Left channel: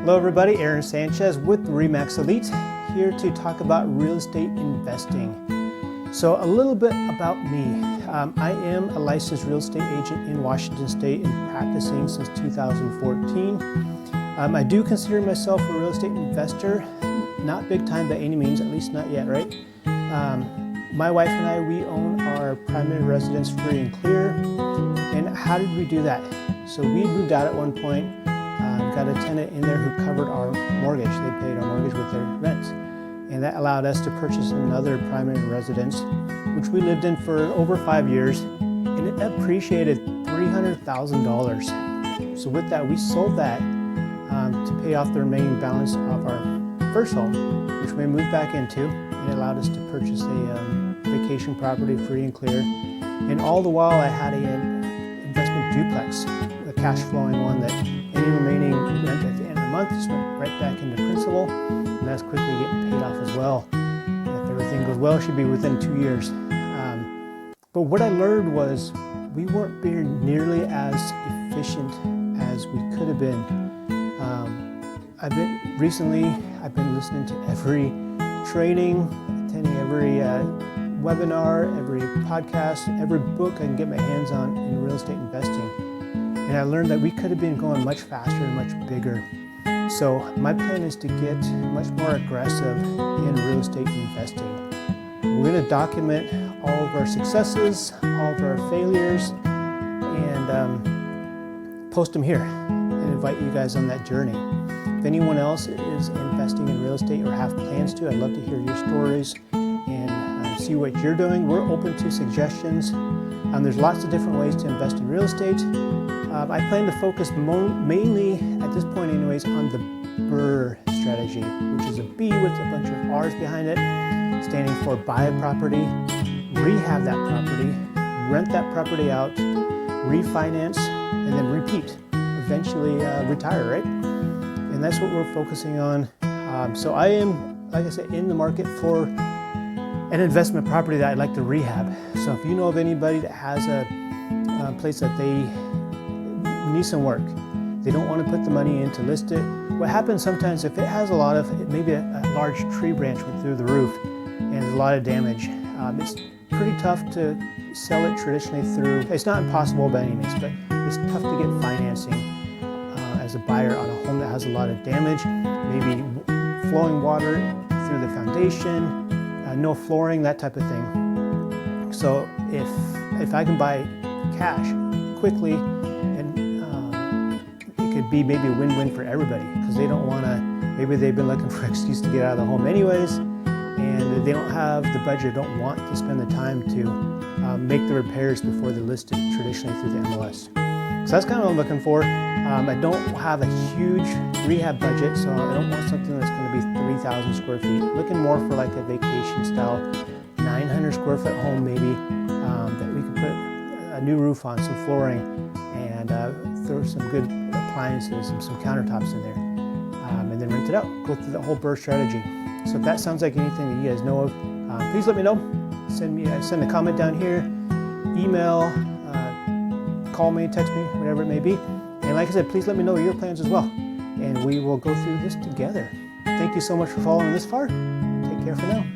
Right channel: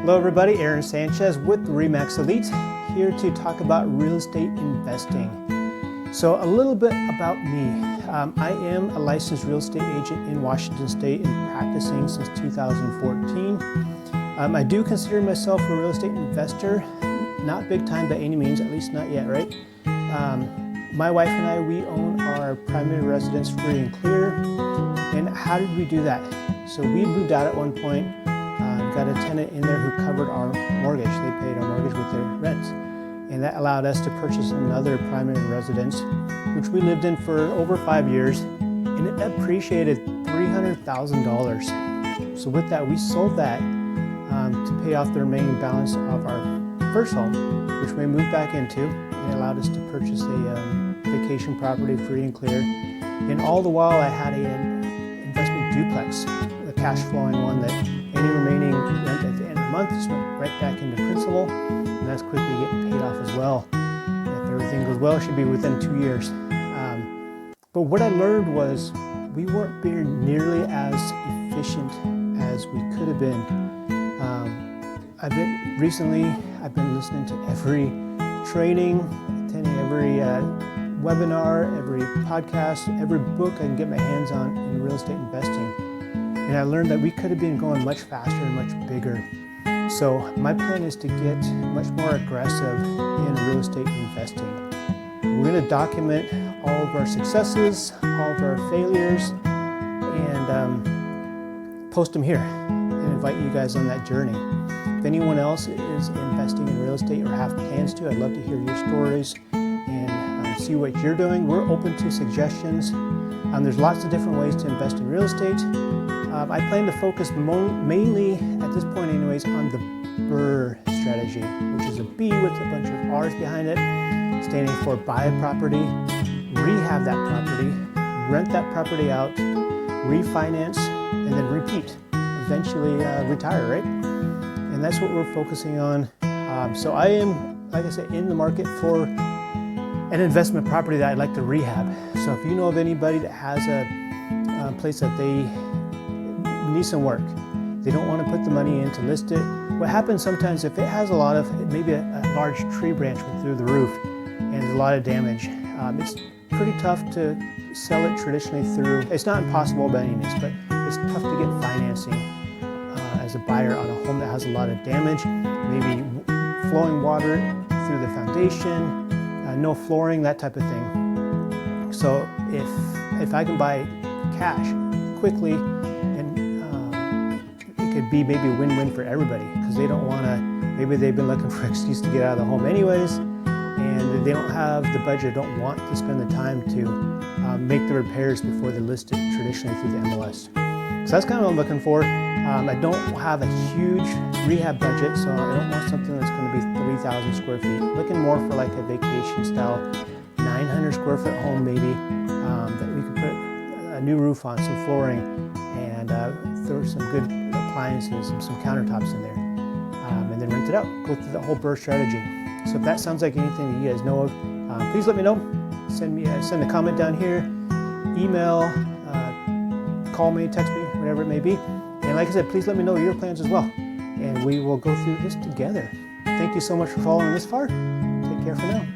Hello everybody, Aaron Sanchez with RE/MAX Elite, here to talk about real estate investing. So a little bit about me. I am a licensed real estate agent in Washington State and practicing since 2014. I do consider myself a real estate investor, not big time by any means, at least not yet, right? My wife and I, we own our primary residence free and clear. And how did we do that? So we had moved out at one point. Got a tenant in there who covered our mortgage. They paid our mortgage with their rent. And that allowed us to purchase another primary residence, which we lived in for over 5 years, and it appreciated $300,000. So with that, we sold that to pay off the remaining balance of our first home, which we moved back into, and it allowed us to purchase a vacation property free and clear. And all the while I had an investment duplex, a cash flowing one that any remaining rent at the end of the month just went right back into principal, and that's quickly getting paid off as well. If everything goes well, it should be within 2 years. But what I learned was we weren't being nearly as efficient as we could have been. Recently I've been listening to every training, attending every webinar, every podcast, every book I can get my hands on in real estate investing. And I learned that we could have been going much faster and much bigger. So my plan is to get much more aggressive in real estate investing. We're going to document all of our successes, all of our failures, and post them here and invite you guys on that journey. If anyone else is investing in real estate or have plans to, I'd love to hear your stories and see what you're doing. We're open to suggestions. There's lots of different ways to invest in real estate. I plan to focus mainly, at this point anyways, on the BRRRR strategy, which is a B with a bunch of R's behind it, standing for buy a property, rehab that property, rent that property out, refinance, and then repeat, eventually retire, right? And that's what we're focusing on. So I am, like I said, in the market for an investment property that I'd like to rehab. So if you know of anybody that has a place that they need some work, they don't want to put the money in to list it. What happens sometimes, if it has a lot of, maybe a large tree branch went through the roof and there's a lot of damage, it's pretty tough to sell it traditionally through, it's not impossible by any means, but it's tough to get financing as a buyer on a home that has a lot of damage, maybe flowing water through the foundation, no flooring, that type of thing. So if I can buy cash quickly, and it could be maybe a win-win for everybody, because they don't want to, maybe they've been looking for an excuse to get out of the home anyways, and they don't have the budget, don't want to spend the time to make the repairs before they list it traditionally through the MLS. So that's kind of what I'm looking for. I don't have a huge rehab budget, so I don't want something that's going to be 3,000 square feet. Looking more for like a vacation style, 900 square foot home maybe, that we could put a new roof on, some flooring, and throw some good appliances and some countertops in there, and then rent it out. Go through the whole BRRRR strategy. So if that sounds like anything that you guys know of, please let me know. Send a comment down here, email, call me, text me, whatever it may be. And like I said, please let me know your plans as well, and we will go through this together. Thank you so much for following this far. Take care for now.